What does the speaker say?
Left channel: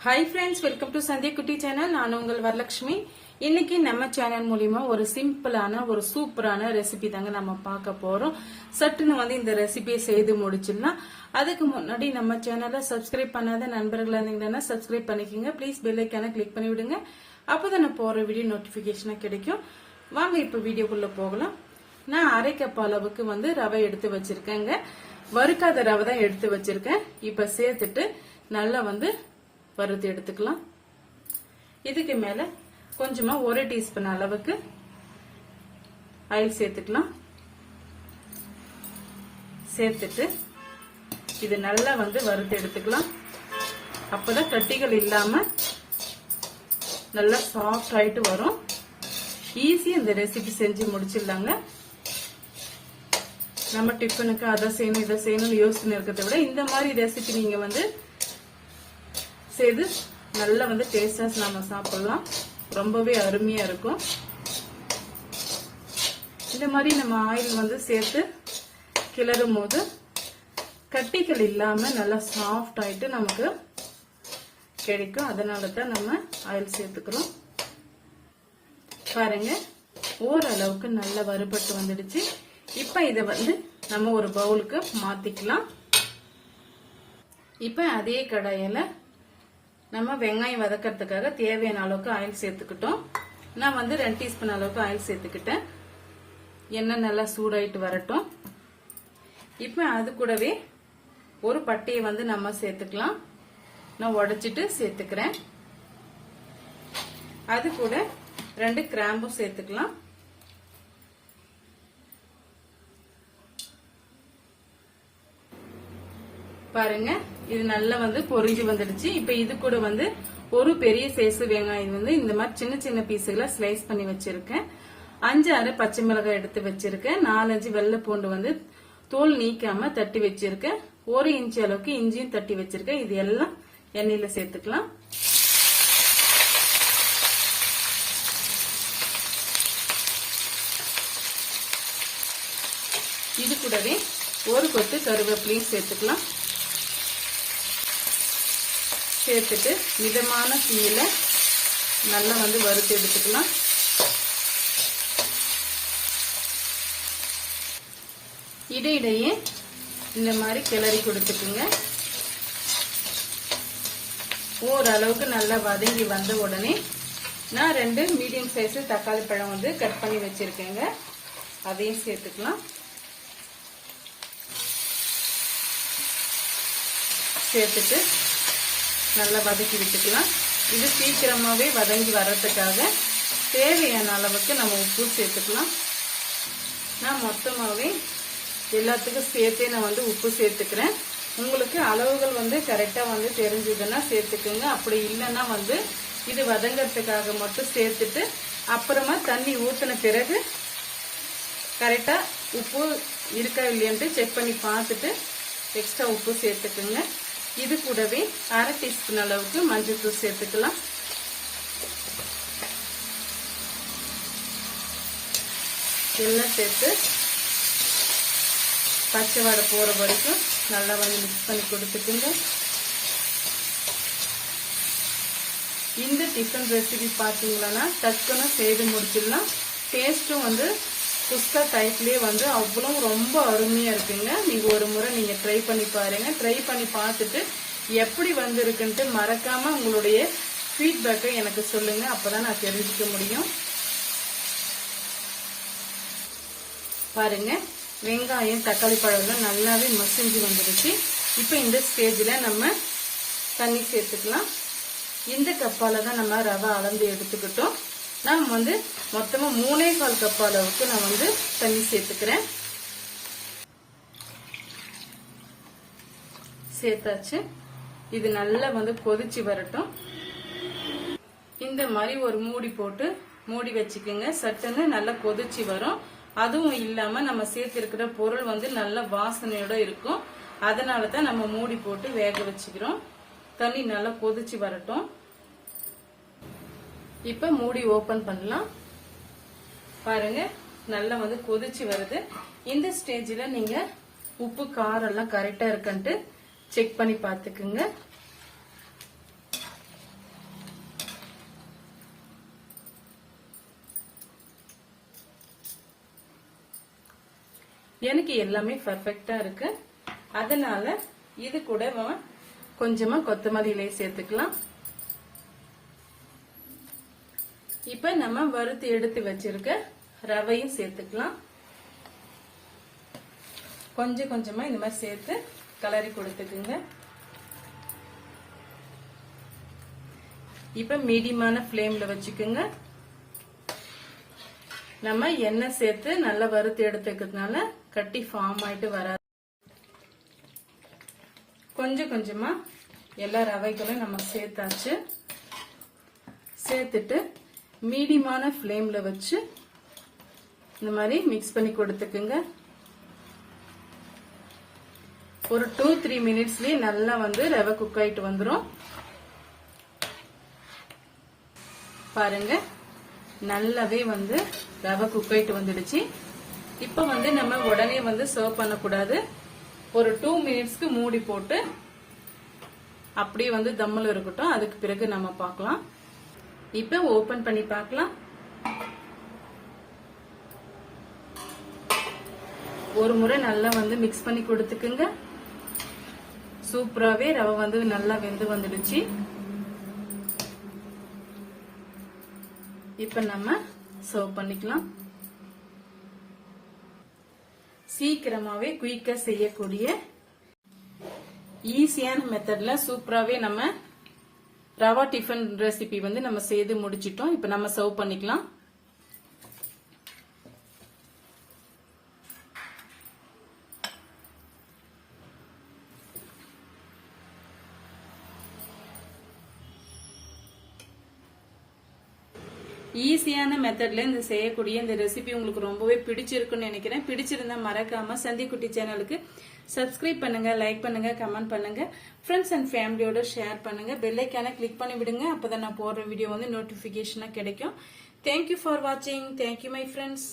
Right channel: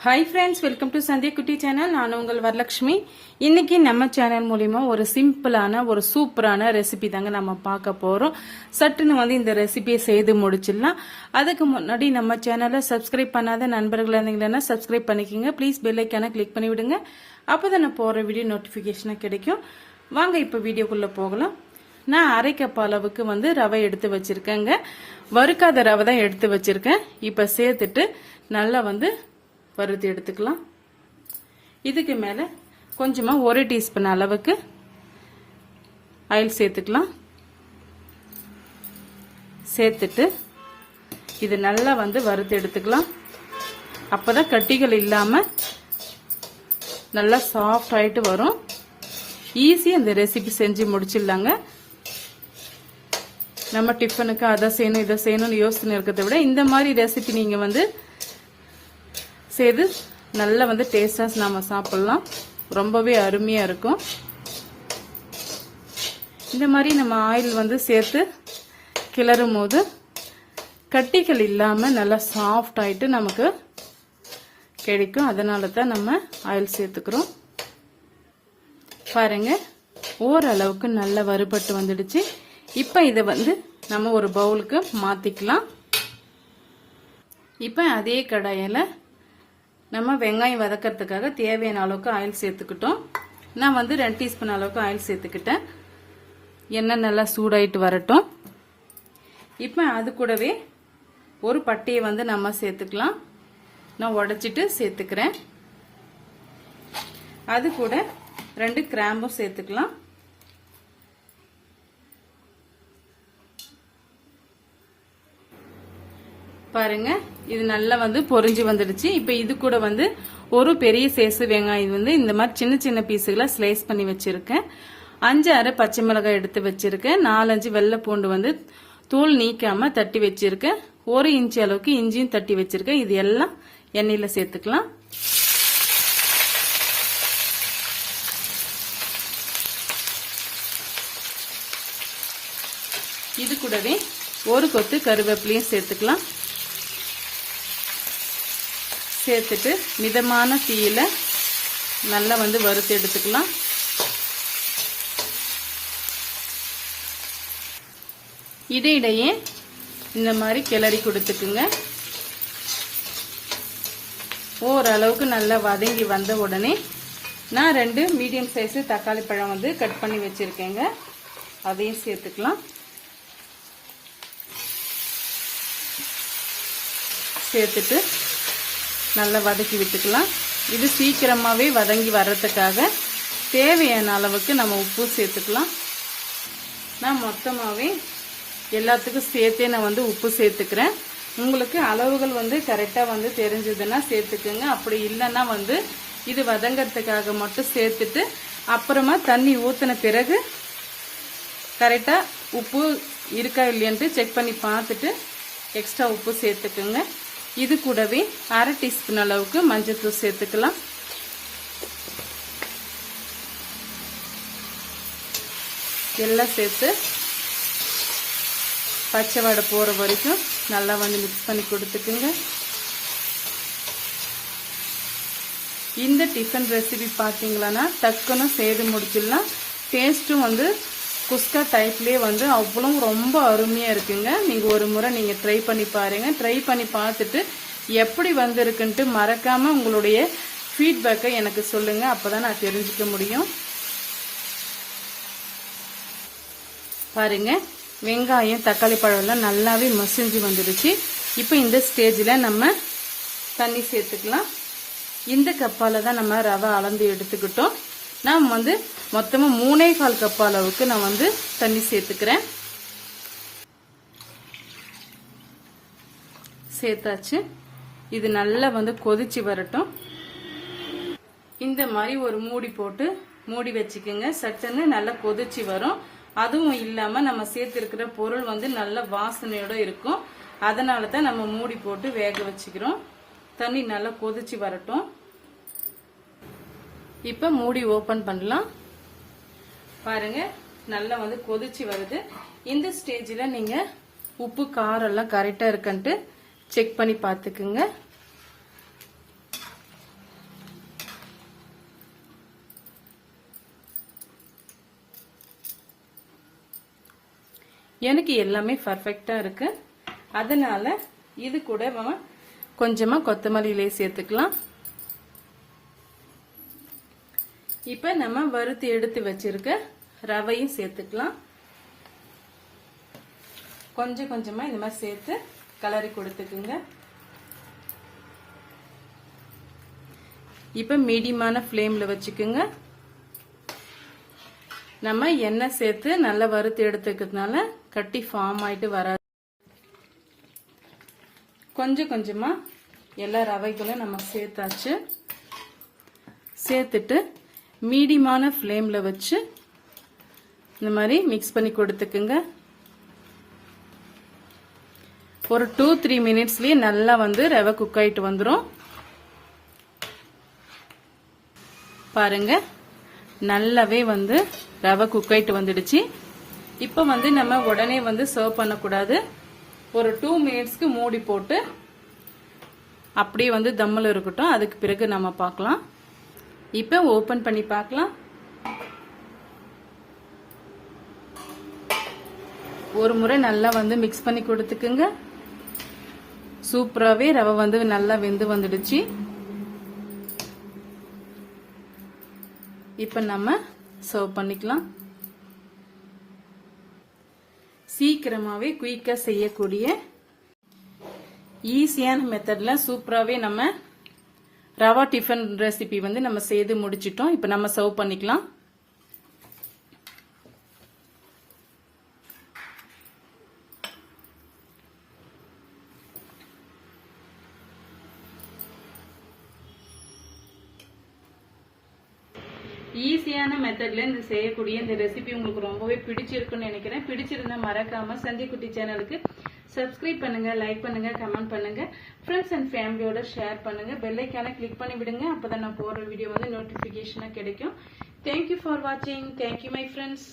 Hi friends welcome to संध्या कुटी channel நான் உங்கள் வரலட்சுமி இன்னைக்கு நம்ம சேனல் மூலமா ஒரு சிம்பிளான ஒரு சூப்பரான ரெசிபி தாங்க நம்ம பார்க்க போறோம் சட்டுன்னு வந்து இந்த ரெசிபியை செய்து முடிச்சிடலாம் அதுக்கு முன்னாடி நம்ம சேனலை சப்ஸ்கிரைப் பண்ணாத நண்பர்கள் இருந்தீங்கன்னா சப்ஸ்கிரைப் பண்ணிக்கங்க ப்ளீஸ் பெல் ஐகானை கிளிக் பண்ணி விடுங்க அப்பதான் நான் போற வீடியோ நோட்டிபிகேஷன் கிடைக்கும் வாங்க இப்போ வீடியோக்குள்ள போகலாம் நான் அரை கப் அளவுக்கு வந்து ரவை எடுத்து வச்சிருக்கேங்க வறுக்காத ரவை தான் எடுத்து வச்சிருக்கேன் இப்ப சேர்த்துட்டு நல்லா வந்து வறுத்து எடுத்துக்கலாம் இதுக்கு மேல கொஞ்சமா 1 டீஸ்பூன் அளவுக்கு ஆயில் சேர்த்துக்கலாம் சேர்த்துட்டு இது நல்லா வந்து வறுத்து எடுத்துக்கலாம் அப்பதான் கட்டிகள் இல்லாம நல்லா சாஃப்ட் ஆயிட்டு வரும் ஈஸியா இந்த ரெசிபி செஞ்சு முடிச்சிடலாங்க நம்ம டிஃபனுக்கு அதை செய்யணும் இதை செய்யணும்னு யோசனை இருக்கிறத விட இந்த மாதிரி ரெசிபி நீங்க வந்து செய்து நல்லா வந்து டேஸ்டா நாம சாப்பிடலாம் ரொம்பவே அருமையா இருக்கும் இந்த மாதிரி நம்ம ஆயில் வந்து சேர்த்து கிளறும் போது கட்டிகள் இல்லாம நல்லா சாஃப்ட் ஆயிட்டு நமக்கு கிடைக்கும் அதனால தான் நம்ம ஆயில் சேர்த்துக்கிறோம் பாருங்க ஓரளவுக்கு நல்லா வறுபட்டு வந்துடுச்சு இப்ப இத வந்து நம்ம ஒரு பவுலுக்கு மாத்திக்கலாம் இப்ப அதே கடாயில நம்ம வெங்காயம் வதக்கிறதுக்காக தேவையான அளவுக்கு ஆயில் சேர்த்துக்கிட்டோம் நான் வந்து 2 டீஸ்பூன் அளவுக்கு ஆயில் சேர்த்துக்கிட்டேன் எண்ணெய் நல்லா சூடாயிட்டு வரட்டும் இப்ப அது கூடவே ஒரு பட்டையை வந்து நம்ம சேர்த்துக்கலாம் நான் உடைச்சிட்டு சேர்த்துக்கிறேன் அது கூட 2 கிராம்பும் சேர்த்துக்கலாம் பாருங்க இது நல்லா வந்து பொரிஞ்சு வந்துடுச்சு இப்ப இது கூட வந்து ஒரு பெரிய சைஸ் வெங்காயம் வந்து இந்த மாதிரி சின்ன சின்ன பீஸுகளை ஸ்லைஸ் பண்ணி வச்சிருக்கேன் 5-6 பச்சை மிளகாய் எடுத்து வச்சிருக்கேன் 4-5 வெள்ளை பூண்டு வந்து தூள் நீக்காம தட்டி வச்சிருக்கேன் 1 இன்ச் அளவுக்கு இஞ்சியும் தட்டி வச்சிருக்கேன் இது எல்லாம் எண்ணெயில சேர்த்துக்கலாம் இது கூடவே ஒரு கொத்து கருவேப்பிலையும் சேர்த்துக்கலாம் சேர்த்துட்டு மிதமான தீயில நல்லா வந்து வறுத்து எடுத்துக்கலாம் இடையிடையே இந்த மாதிரி கிளறி கொடுத்துக்குங்க ஓரளவுக்கு நல்லா வதங்கி வந்த உடனே நான் 2 மீடியம் சைஸ் தக்காளி பழம் வந்து கட் பண்ணி வச்சிருக்கேங்க அதையும் சேர்த்துக்கலாம் சேர்த்துட்டு நல்லா வதக்கி விட்டுக்கலாம் இது சீக்கிரமாவே வதங்கி வர்றதுக்காக தேவையான அளவுக்கு நம்ம உப்பு சேர்த்துக்கலாம் நான் மொத்தமாவே எல்லாத்துக்கும் சேர்த்தே நான் வந்து உப்பு சேர்த்துக்கிறேன் உங்களுக்கு அளவுகள் வந்து கரெக்டா வந்து தெரிஞ்சதுன்னா சேர்த்துக்குங்க அப்படி இல்லைன்னா வந்து இது வதங்கறதுக்காக மட்டும் சேர்த்துட்டு அப்புறமா தண்ணி ஊத்தின பிறகு கரெக்டா உப்பு இருக்கா இல்லையான்ட்டு செக் பண்ணி பார்த்துட்டு எக்ஸ்ட்ரா உப்பு சேர்த்துக்குங்க இது கூடவே 1/2 டீஸ்பூன் அளவுக்கு மஞ்சள் தூள் சேர்த்துக்கலாம் எல்லாம் சேர்த்து பச்சை வடை போற வரைக்கும் நல்லா வந்து மிக்ஸ் பண்ணி கொடுத்துக்குங்க இந்த டிஃபன் ரெசிபி பாத்தீங்கன்னா டக்குன்னு செய்து முடிச்சிடலாம் டேஸ்டும் வந்து குஸ்கா டைப்லயே வந்து அவ்வளவு ரொம்ப அருமையா இருக்குங்க நீங்க ஒரு முறை நீங்க ட்ரை பண்ணி பாருங்க ட்ரை பண்ணி பார்த்துட்டு எப்படி வந்திருக்குன்ட்டு மறக்காம உங்களுடைய ஃபீட்பேக்கை எனக்கு சொல்லுங்க அப்பதான் நான் தெரிஞ்சுக்க முடியும் பாருங்க வெங்காயம் தக்காளி பழம் எல்லாம் நல்லாவே மசிஞ்சு வந்துருச்சு இப்போ இந்த ஸ்டேஜ்ல நம்ம தண்ணி சேர்த்துக்கலாம் இந்த கப்பால தான் நம்ம ரவை அளந்து எடுத்துக்கிட்டோம் நான் வந்து மொத்தமா 3.25 கப் அளவுக்கு நான் வந்து தண்ணி சேர்த்துக்கிறேன் சேர்த்தாச்சு இது நல்லா வந்து கொதிச்சு வரட்டும் இந்த மாதிரி ஒரு மூடி போட்டு மூடி வச்சுக்கோங்க சட்டுன்னு நல்லா கொதிச்சு வரும் அதுவும் இல்லாம நம்ம சேர்த்திருக்கிற பொருள் வந்து நல்ல வாசனையோட இருக்கும் அதனாலதான் நம்ம மூடி போட்டு வேக வச்சுக்கிறோம் தண்ணி நல்லா கொதிச்சு வரட்டும் இப்ப மூடி ஓபன் பண்ணலாம் பாருங்க நல்லா வந்து கொதிச்சு வருது இந்த ஸ்டேஜ்ல நீங்க உப்பு காரம் எல்லாம் கரெக்டா இருக்குன்ட்டு செக் பண்ணி பாத்துக்குங்க எனக்கு எல்லாமே பர்ஃபெக்டா இருக்கு. அதனால இது கூட கொஞ்சமா கொத்தமல்லி இலை சேர்த்துக்கலாம். இப்ப நம்ம வறுத்து எடுத்து வச்சிருக்க ரவையும் சேர்த்துக்கலாம். கொஞ்சம் கொஞ்சமா இந்த மாதிரி சேர்த்து கலரி கொடுத்துக்குங்க. இப்ப மீடியமான ஃப்ளேம்ல வச்சுக்குங்க. நம்ம எண்ணெய் சேர்த்து நல்லா வறுத்து எடுத்துக்கிறதுனால கட்டி ஃபார்ம் ஆயிட்டு வராது. கொஞ்சம் கொஞ்சமா எல்லா ரவைகளும் நம்ம சேர்த்தாச்சு. சேர்த்துட்டு மீடியமான ஃப்ளேம்ல வச்சு இந்த மாதிரி மிக்ஸ் பண்ணி கொடுத்துக்குங்க. ஒரு 2-3 மினிட்ஸ்லயே நல்லா ரவை குக் ஆயிட்டு வந்துரும். பாருங்க, நல்லாவே ரவை குக் ஆயிட்டு வந்துடுச்சு. இப்ப நம்ம உடனே சர்வ் பண்ணக்கூடாது. ஒரு 2 மினிட்ஸ்க்கு மூடி போட்டு அப்படியே தம்மில் இருக்கட்டும். அதுக்கு பிறகு நம்ம பார்க்கலாம். இப்ப ஓபன் பண்ணி பார்க்கலாம். ஒரு முறை நல்லா மிக்ஸ் பண்ணி கொடுத்துக்குங்க. சூப்பராகவே ரவை நல்லா வெந்து வந்துடுச்சு. இப்ப நம்ம சர்வ் பண்ணிக்கலாம். சீக்கிரமாவே குயிக்கா செய்யக்கூடிய ஈஸியான மெத்தட்ல சூப்பராகவே நம்ம ரவா டிஃபன் ரெசிபி நம்ம செய்து முடிச்சிட்டோம். இப்ப நம்ம சர்வ் பண்ணிக்கலாம். ஈஸியான மெத்தட்ல இந்த செய்யக்கூடிய இந்த ரெசிபி உங்களுக்கு ரொம்பவே பிடிச்சிருக்குன்னு நினைக்கிறேன். பிடிச்சிருந்தா மறக்காம சந்திக்குட்டி சேனலுக்கு சப்ஸ்கிரைப் பண்ணுங்க, லைக் பண்ணுங்க, கமெண்ட் பண்ணுங்க, ஃப்ரெண்ட்ஸ் அண்ட் ஃபேமிலியோட ஷேர் பண்ணுங்க, பெல் ஐக்கான கிளிக் பண்ணி விடுங்க. அப்பதான் நான் போடுற வீடியோ நோட்டிபிகேஷனா கிடைக்கும். தேங்க்யூ ஃபார் வாட்சிங். Thank you my friends.